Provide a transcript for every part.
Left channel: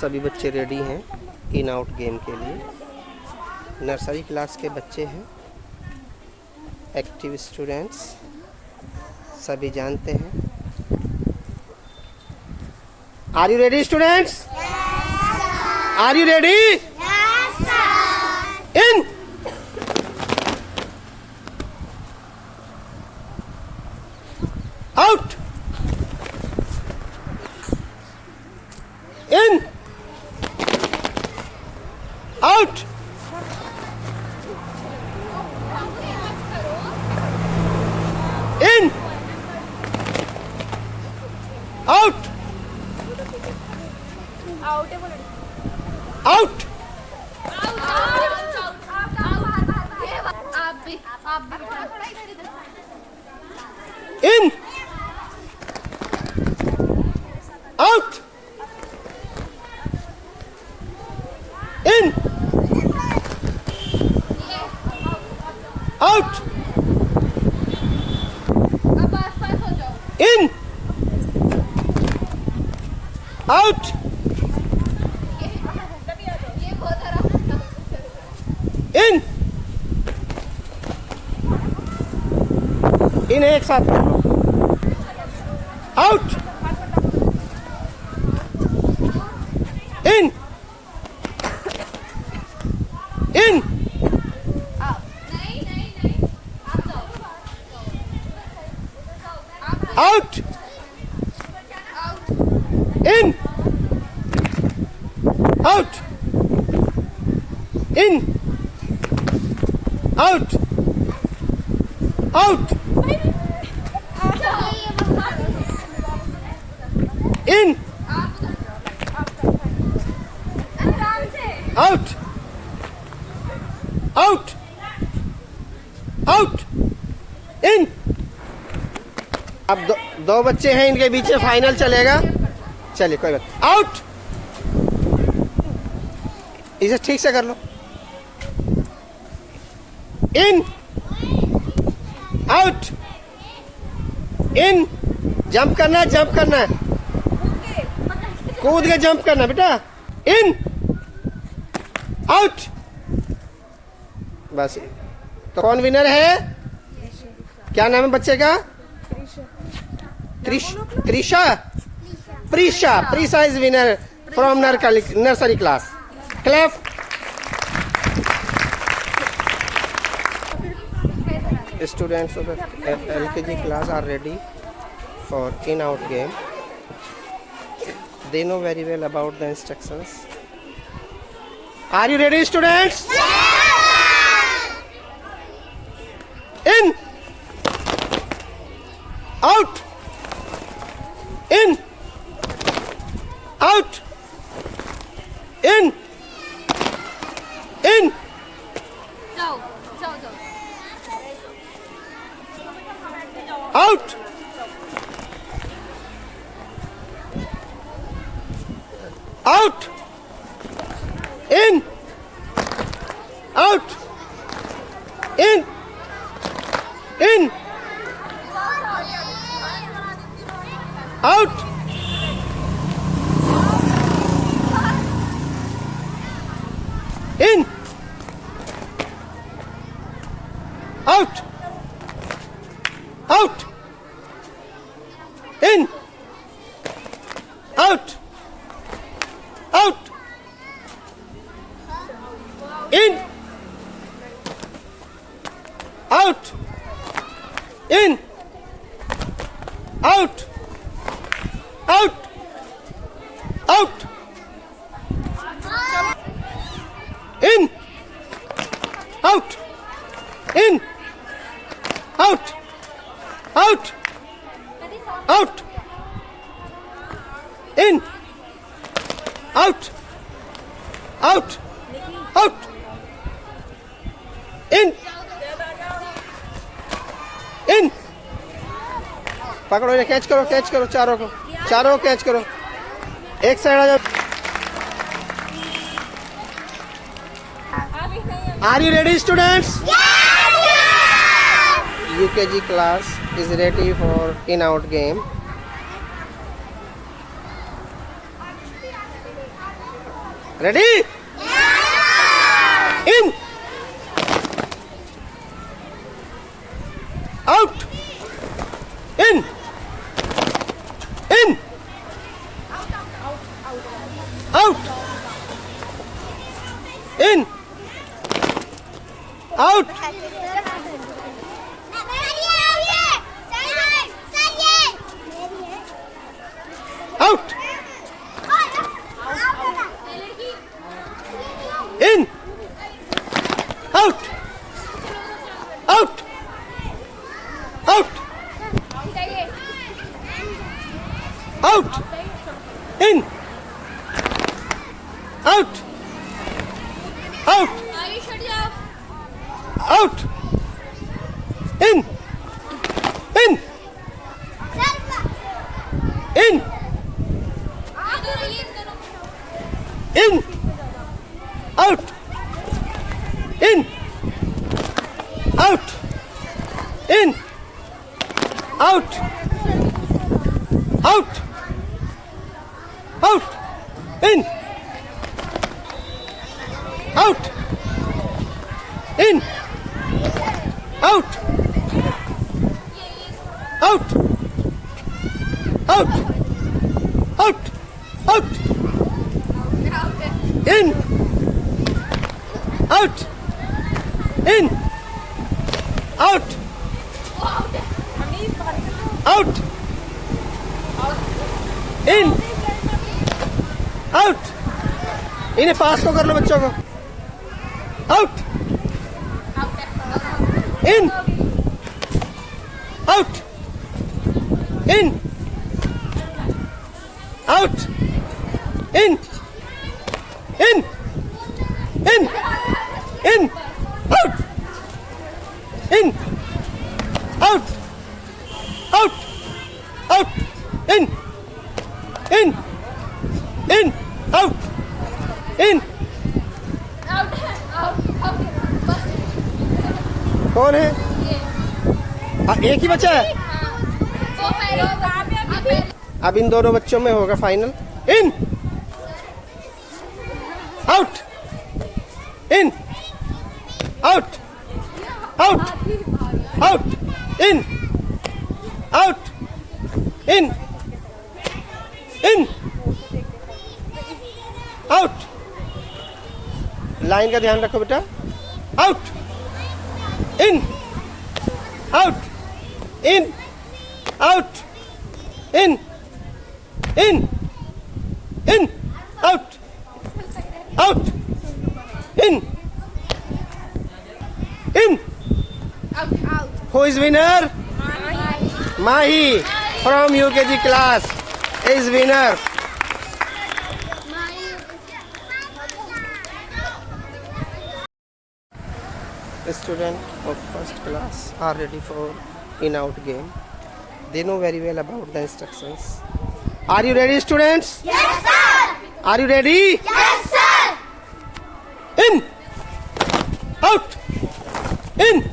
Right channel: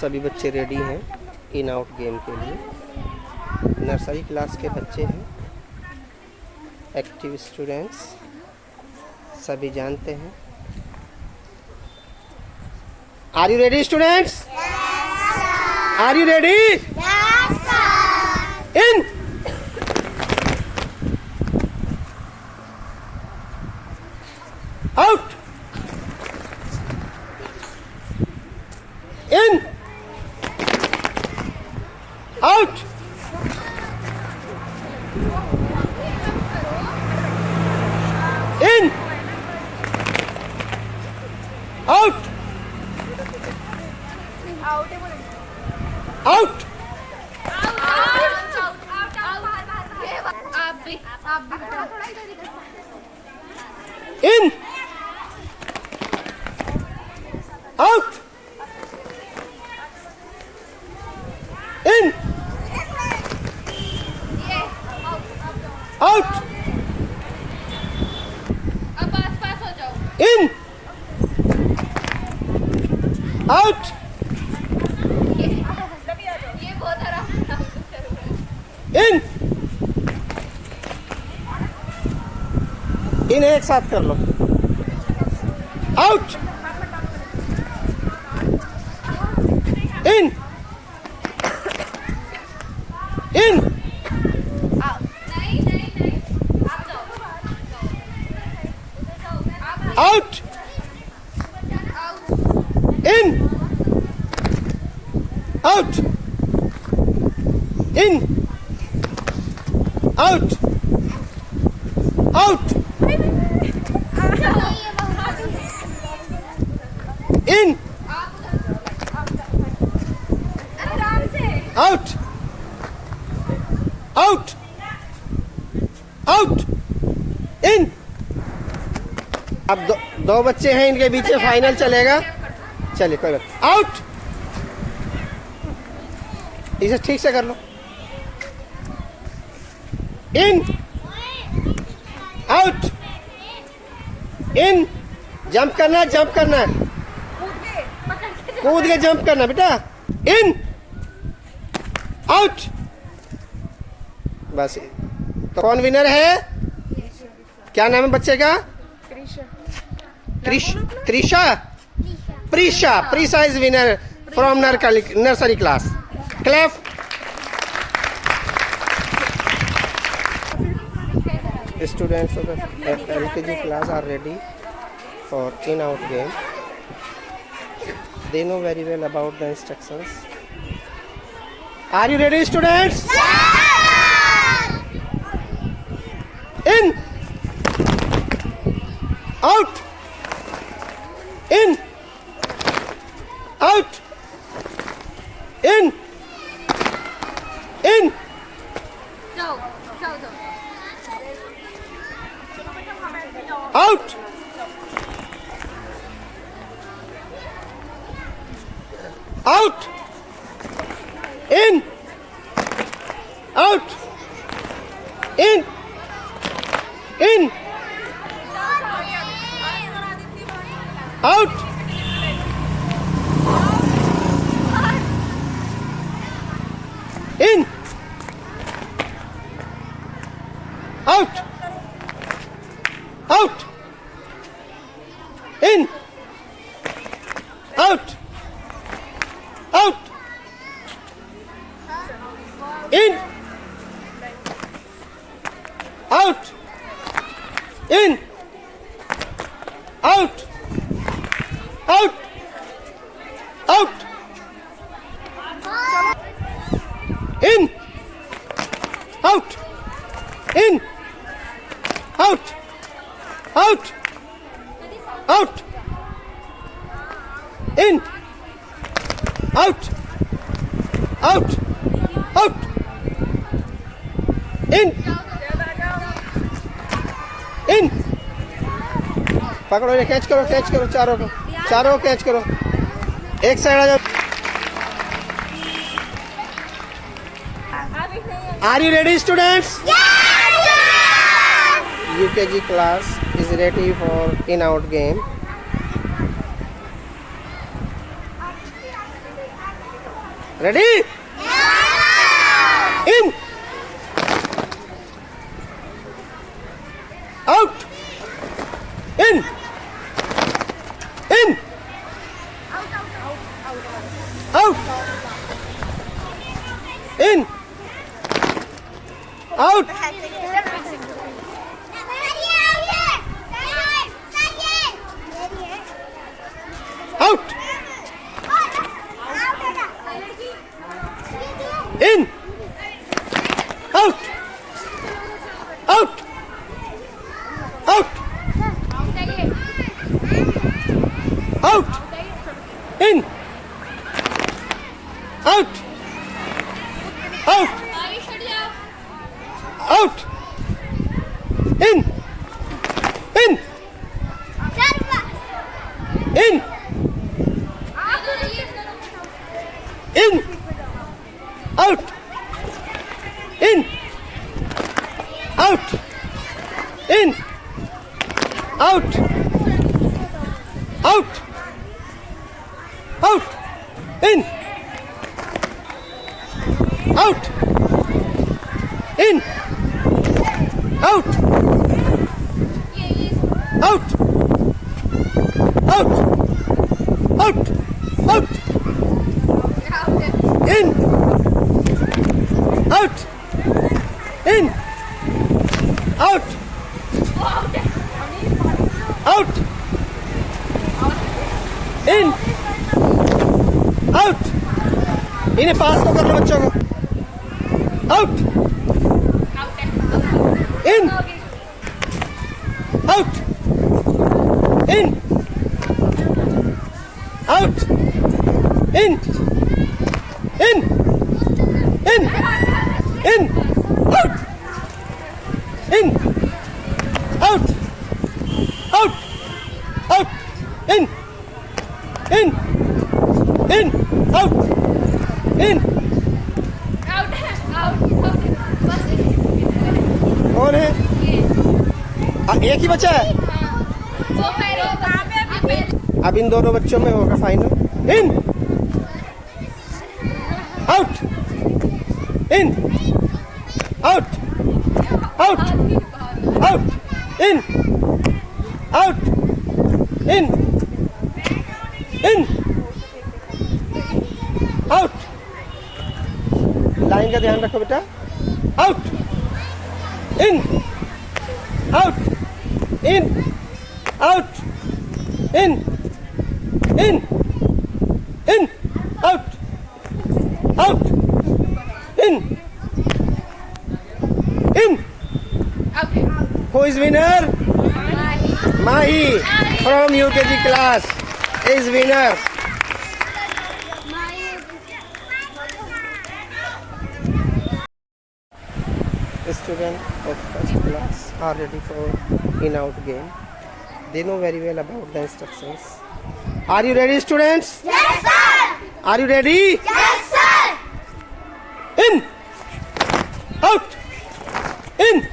सभी बच्चे रेडी हैं इन आउट गेम के लिए। नर्सरी क्लास के बच्चे हैं, एक्टिव स्टूडेंट्स, सभी जानते हैं। Are you ready students? Are you ready? In out in out in out out in out in out in out in इन्हें एक साथ कर लो। Out in in out in out in out out in out out out in. अब दो बच्चे हैं, इनके बीच में फाइनल चलेगा। चलिए कोई बात। आउट, इसे ठीक से कर लो। इन आउट इन, जंप करना है, जंप करना है, कूद के जंप करना बेटा। इन आउट, बस। तो कौन विनर है? क्या नाम है बच्चे का? Trisha. Prisha is winner from nursery class. Clap. Students of the LKG class are ready for in-out game. They know very well about the instructions. Are you ready, students? In, out, in, out, in, in. Out, out, in, out, in, in, out, in, out, out, in, out, out, in, out, in, out, out, out, in, out, in, out, out, out, in, out, out, out, in, in। पकड़ो, ये catch करो चारों को catch करो। एक side आ जाओ। Are you ready, students? Yes! UKG class is ready for in-out game. Ready in out in in out in out out in out out out out in out out out in in in in out in out in out out out in out in out out out out out in out in out out in out इन्हें पास तो कर लो बच्चों को out in out in out in in in in out in out out out in in in out इन कौन है एक ही बच्चा है अब इन दोनों बच्चों में होगा final in out in out out out in out in in out line का ध्यान रखो बेटा out in out in out in in in out out in in who is winner Mahi from UKG class is winner students of first class are ready for in-out game. They know very well about the instructions. Are you ready, students? Yes, sir. Are you ready? Yes, sir. In, out, in,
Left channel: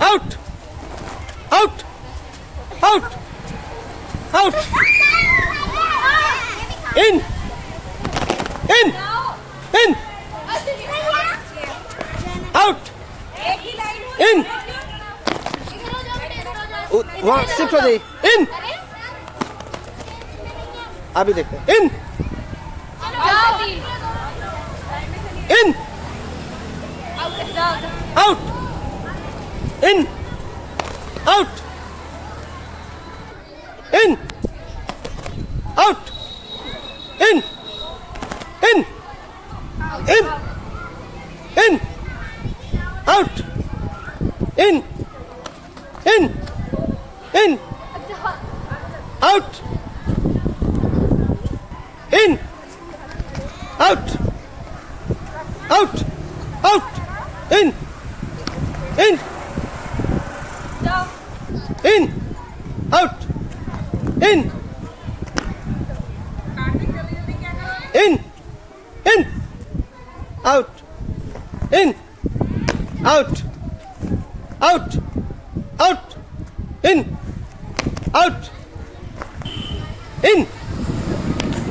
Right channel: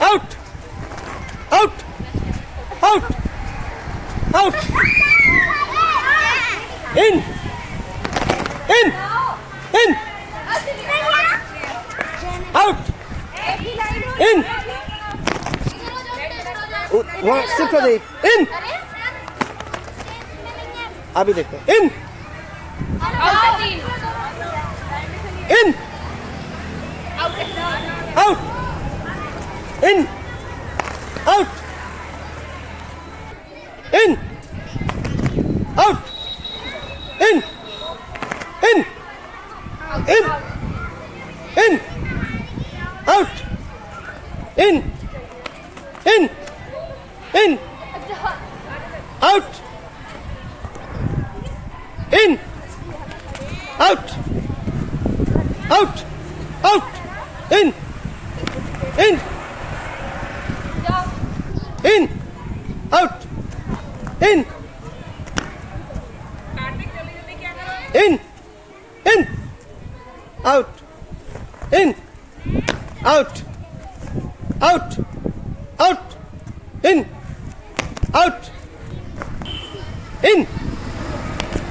out, out, out, out, in, in, in, out, in, वहाँ shift हो जाइए in अभी देखते हैं in in out in out in out in in in in out in in in out in out out out in in in out in in in out in out out out in out in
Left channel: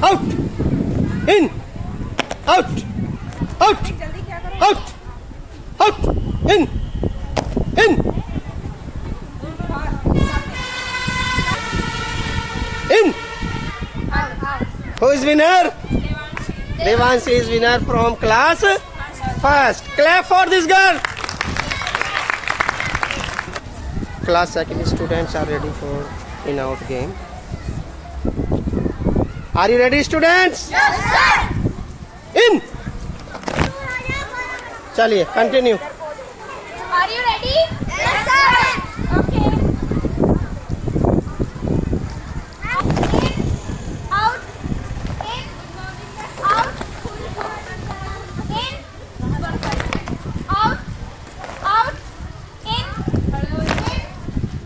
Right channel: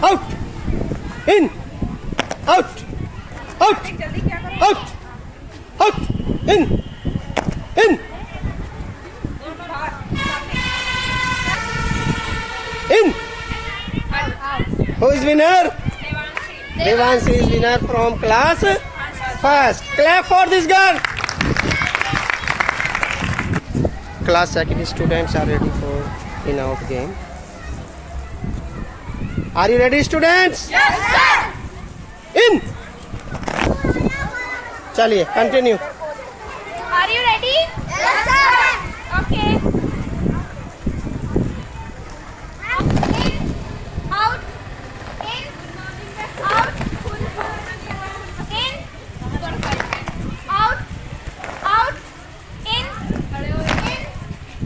out in Out. Out. Out. Out. In. In. In. Who is winner? Devanshi is winner from class first. Clap for this girl. Class second students are ready for in-out game. Are you ready, students? Yes, sir. In. चलिए continue. Are you ready? Yes, sir. Okay. In, out, in, out, in, out, out, in,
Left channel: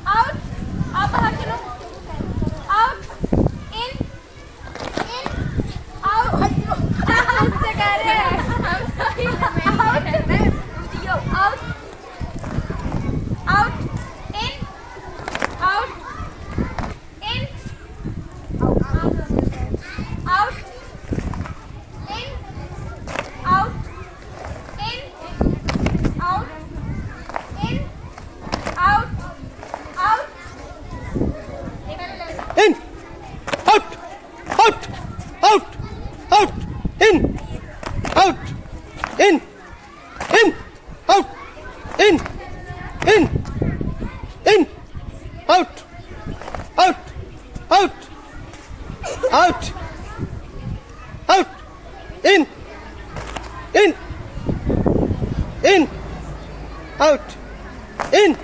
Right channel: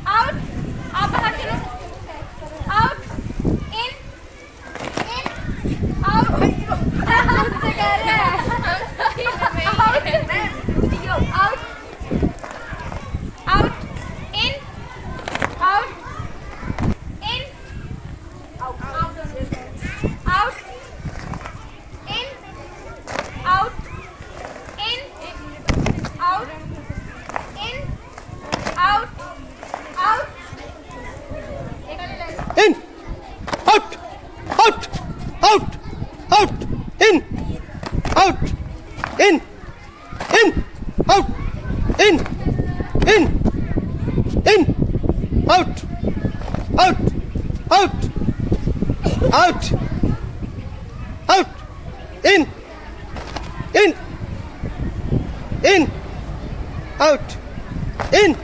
out. आप बाहर चलो. Out, in, out. Out, in, out, in, out, in, out, out, in, out, in, out, in, out, out. In. Out. Out. Out. Out. In. Out. In. In. Out. In. In. In. Out. Out. Out. Out. Out. In. In. In. Out. In.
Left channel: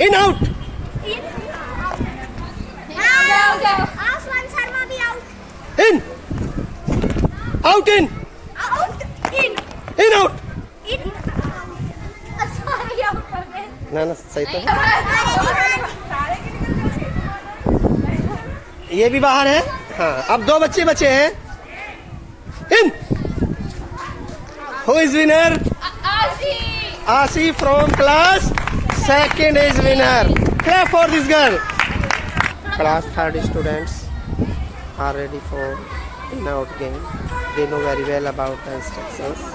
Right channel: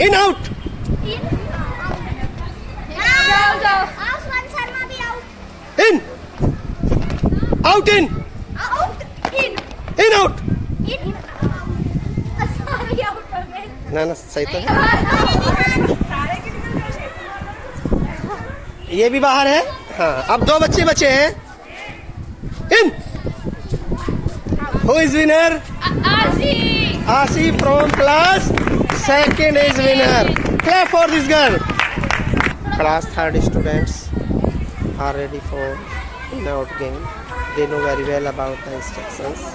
In. Out. In, out. Aswan Sharma bhi out. In. Out. In. Out, in, In. Out. in. Sorry, out हो गए. ना ना सही तो है. Sorry. ये भी बाहर है. हाँ अब दो बच्चे बचे हैं. इन. Who is winner? Ashi. Asi from class second is winner. Clap for this girl. Class third students are ready for in-out game. They know very well about the instructions.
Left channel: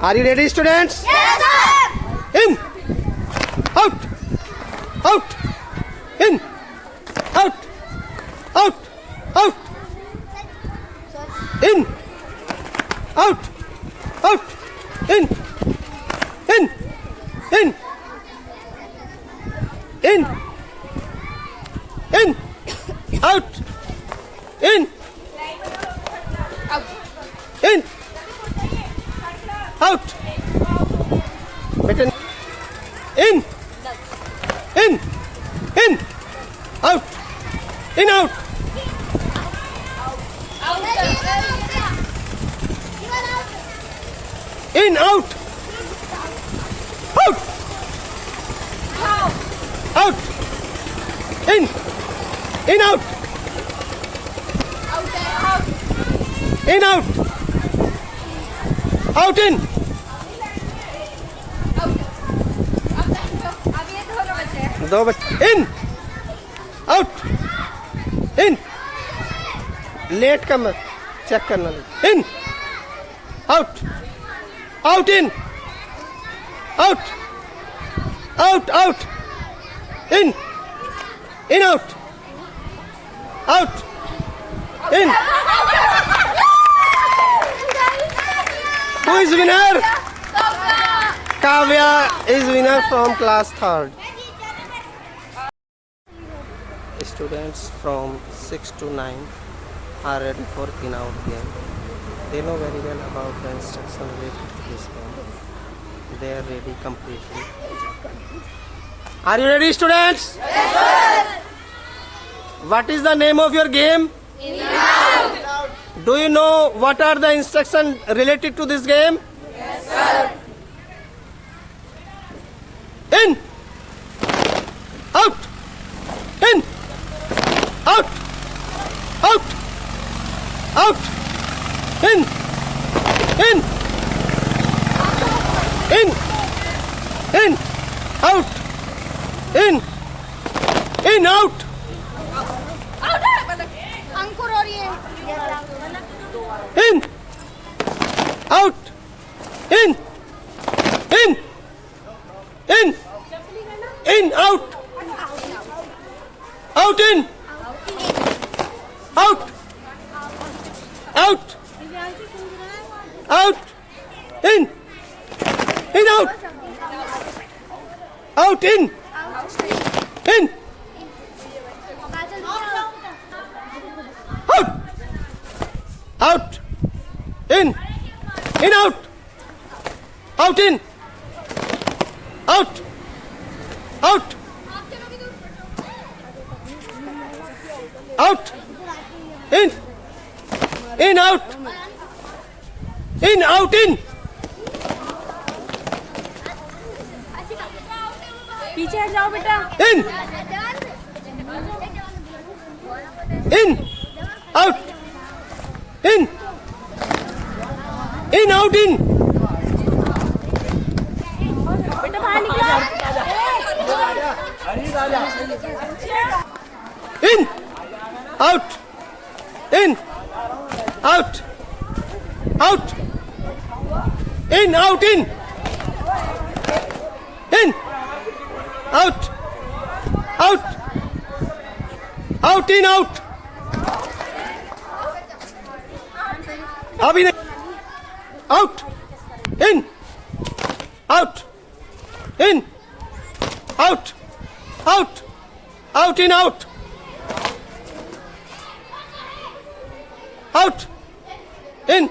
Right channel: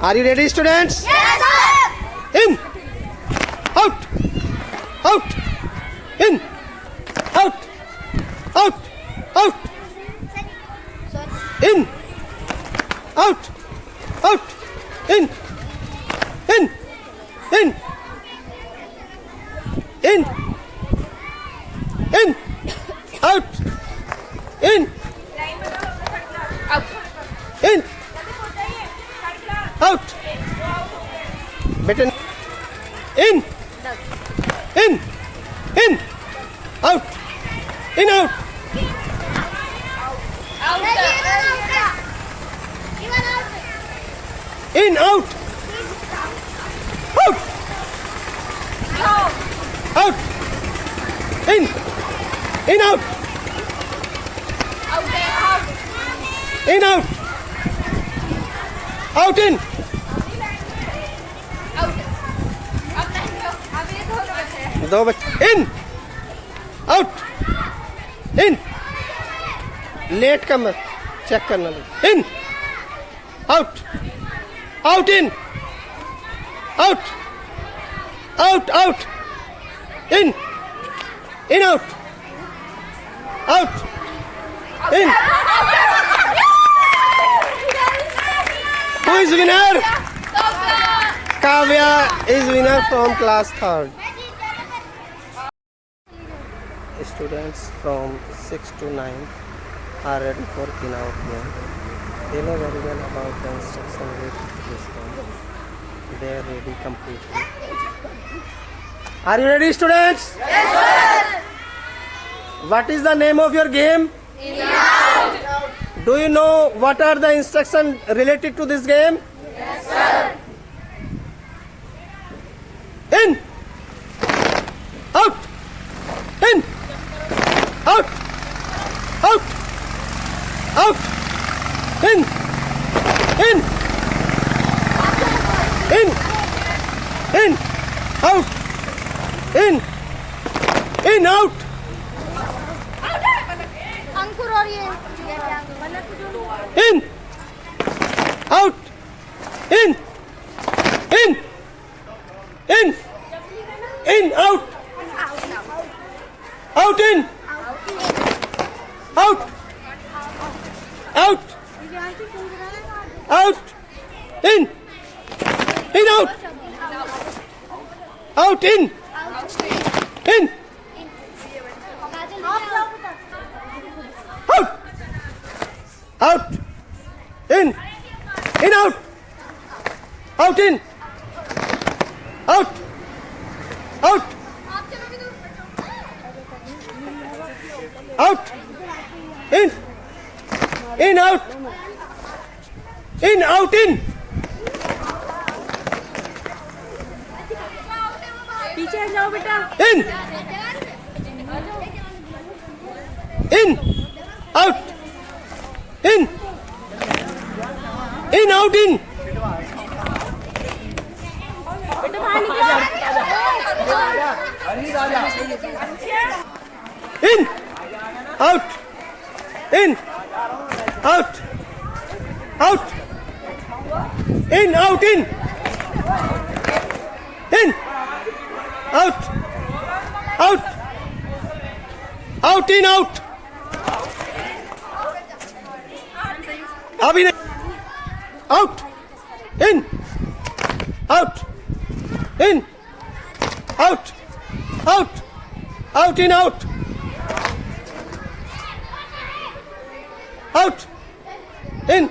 Are you ready, students? Yes, sir. In. Out. Out. In. Out. Out. Out. In. Out. Out. In. In. In. In. In. Out. In. In. Out. Better. In. In. In. Out. In. Out. In. Out. Out. Out. In. In. Out. In. Out. Out. In. दो बच्चे. In. Out. In. Late का मत check करना. In. Out. Out. In. Out. Out. Out. In. In. Out. Out. In. Who is winner? Kavya is winner from class third. Students from 6 to 9 are ready for in-out game. They know very well about the instruction related to this game. They are ready completely. Are you ready, students? Yes, sir. What is the name of your game? In-out. Do you know what are the instructions related to this game? Yes, sir. In. Out. In. Out. Out. Out. In. In. In. In. Out. In. In. Out. अंकुर और ये गलत out, out, in, out, out, in, out, out, in, out, out, in, out, out, out, in, out, out, in. पीछे हट जाओ बेटा In, out, in, out, in. बेटा बाहर निकल In, out, in, out, out, out, in, out, out, in, out. Abhinay, out, in, out, out, out, in, out, out, in,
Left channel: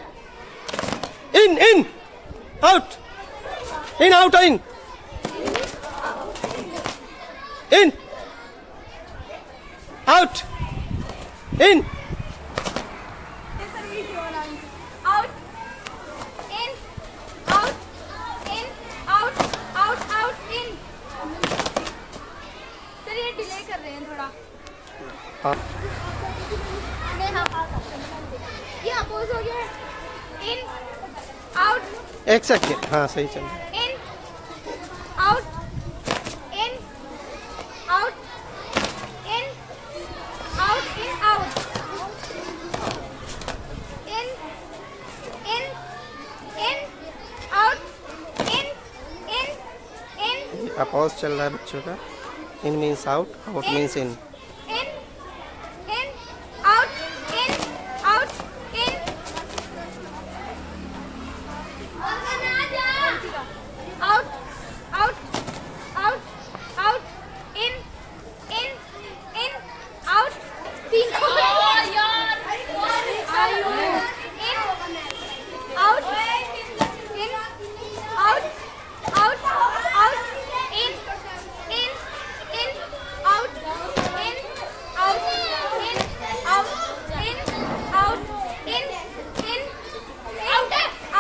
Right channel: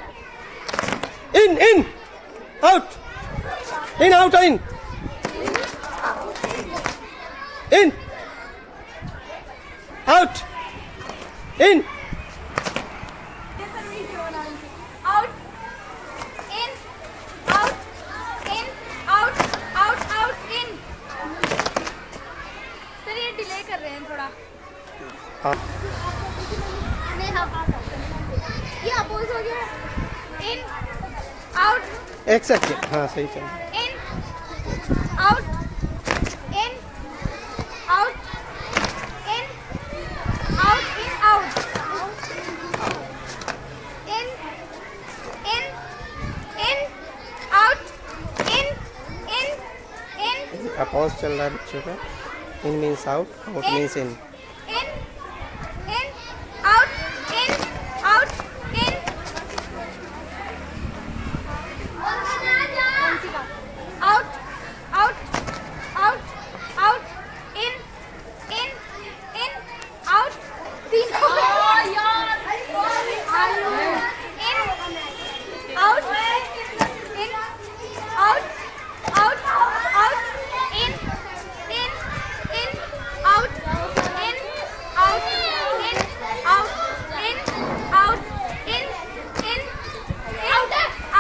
out, out, in, out, in. out in out in out out out in sir ये delay कर रहे हैं थोड़ा ये oppose हो गया in out एक second, हाँ सही चल रहा है। in out in out in out in out in out in oppose चल रहा है बच्चों का। In means out, out means in. in out in out in out out out out in out तीन यार out in out out out in out in out in out in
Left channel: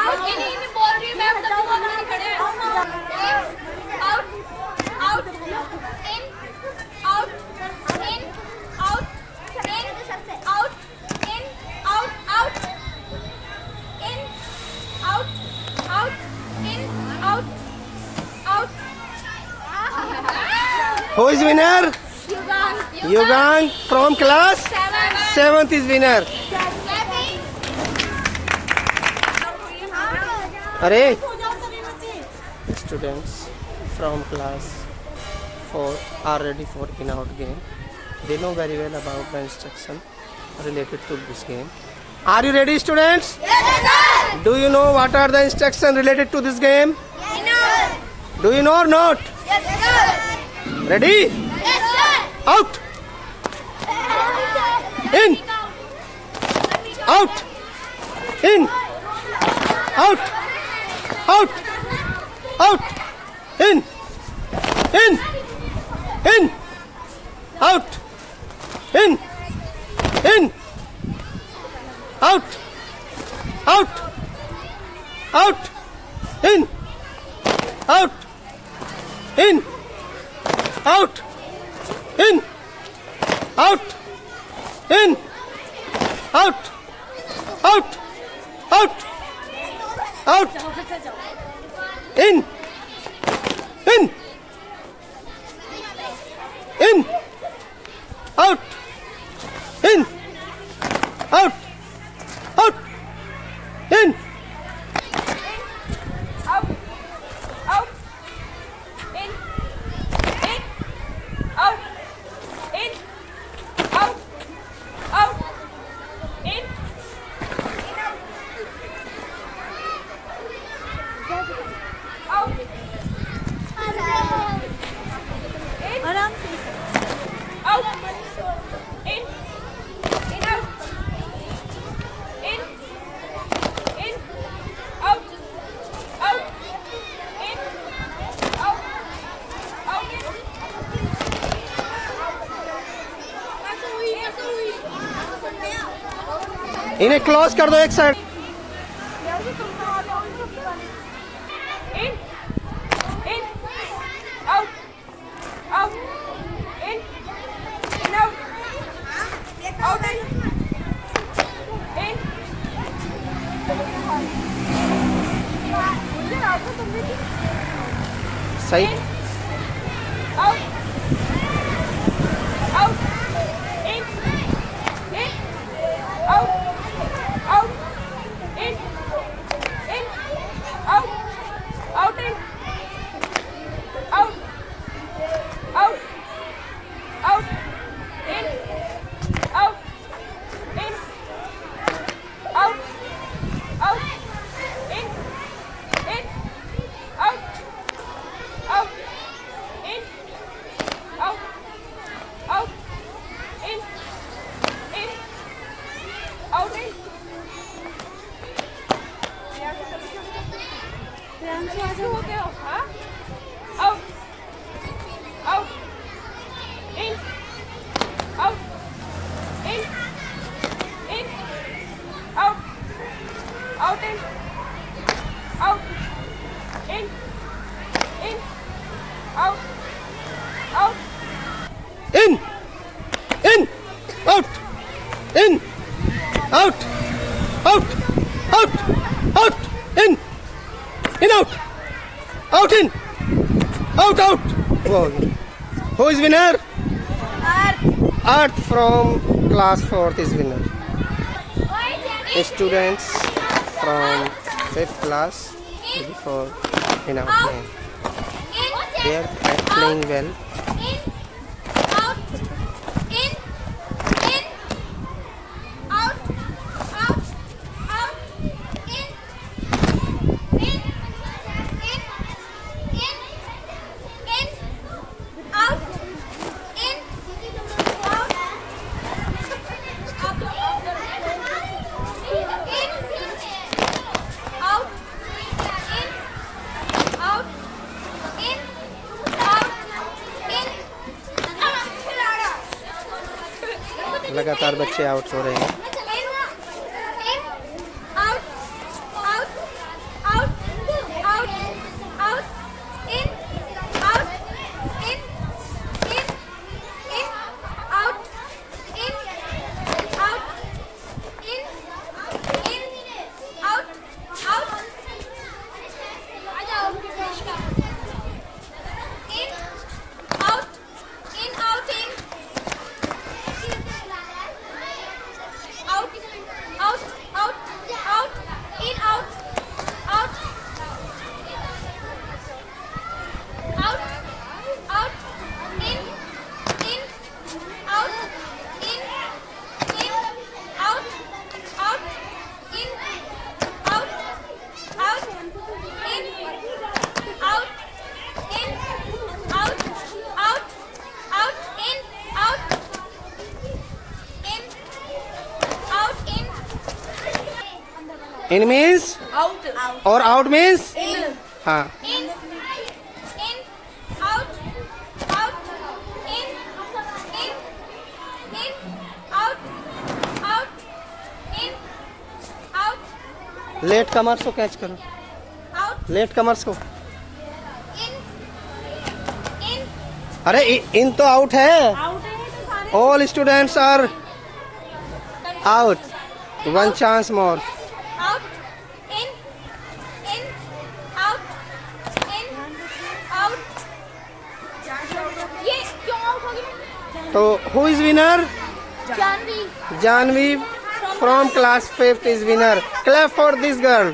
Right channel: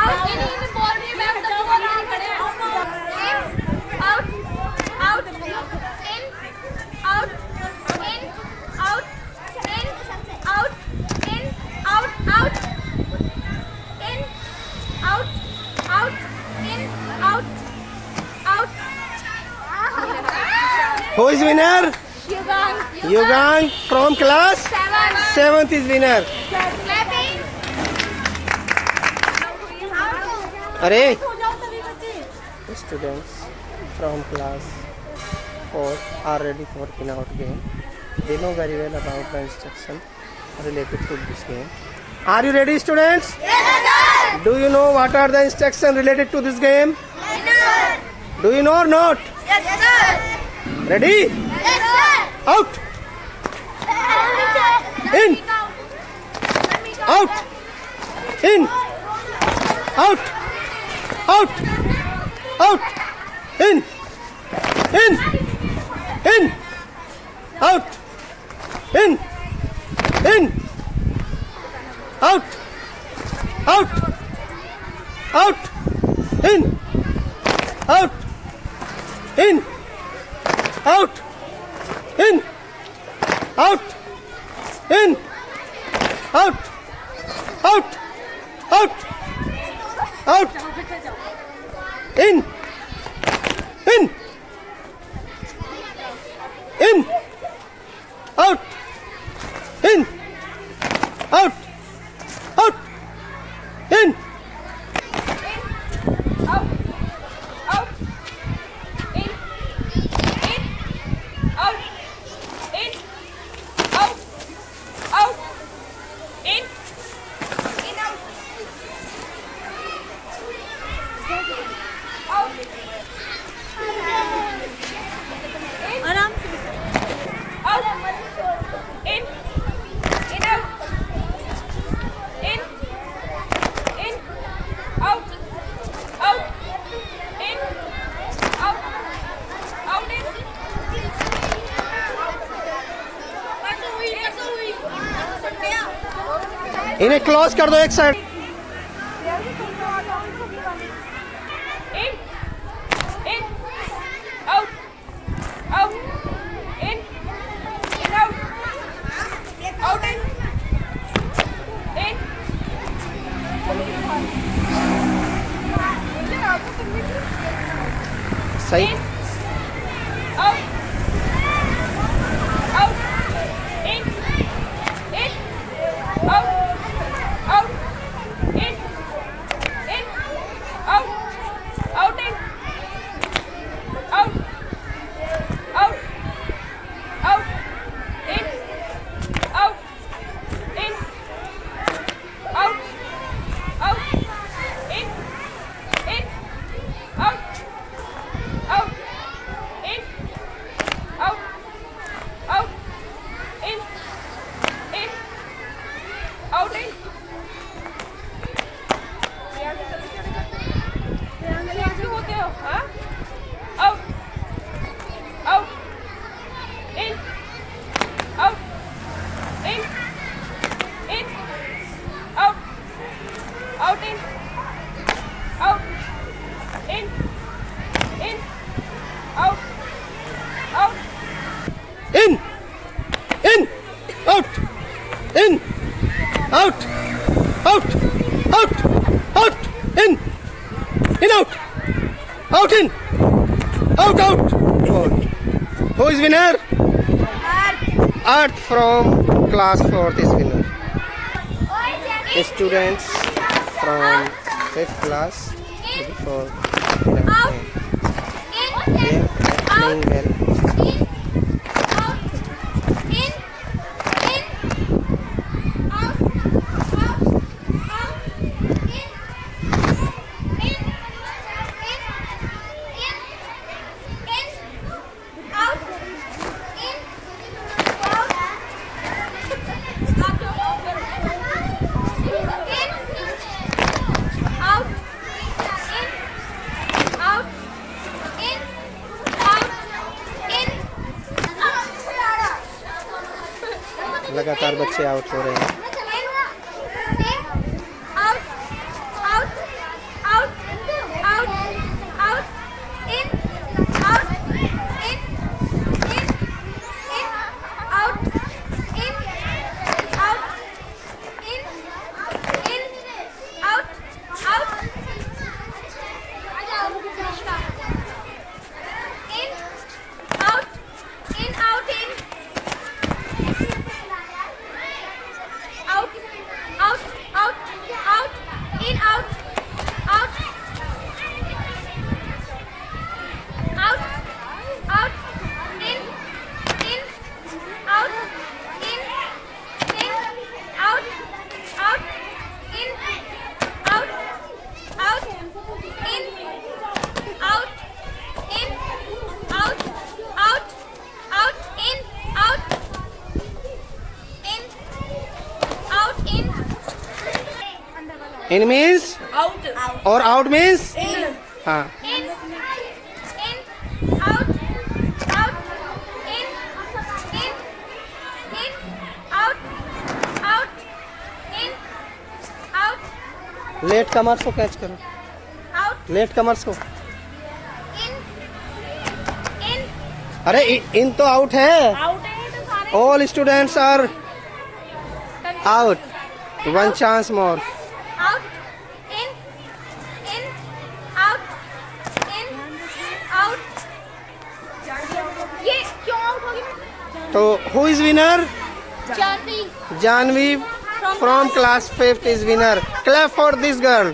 out in बोल रही मैं खड़े out out in out in out in out in out out in out out in out out Who is winner? Yugang from class 7th is winner. अरे students from class 4 are ready for in-out game. They know very well about the instruction related to this game. Are you ready, students? Yes, sir. Do you know what are the instructions related to this game? Yes, sir. Do you know or not? Yes, sir. Ready? Yes, sir. Out, in, out, in, out, out, out, in, out, in, out, out, out, in, out, out, out, out, out, out, out, in, out, out, out, in, Out, out, in, out, in, out, out, in, इन्हें close कर दो एक side. In. In. Out. Out. In. In. Out. Out. In. In. सही. Out. Out. In. In. Out. Out. In. In. Out. Out. In. Out. Out. Out. In. Out. In. Out. Out. In. In. Out. Out. In. Out. Out. In. In. Out. In. ऐसे होते हो हाँ out out in out in in out out in out in in out out In. In. Out. In. Out. Out. Out. Out. In. In. Out. Out. In. Out. Out. Okay. Who is winner? Art from class 4th is winner. Students from 5th class before in our game. They are playing well. लगातार बच्चे out हो रहे हैं. In means out और out means हाँ. in out out in out out in out late comers को catch करो. out late comers को. in in अरे इन तो आउट है. आउट है तो सारे All students are out. One chance more. out in out in out ये क्यों आउट हो गया तो who is winner? Janvi Janvi from class 5th is winner. Clap for this girl.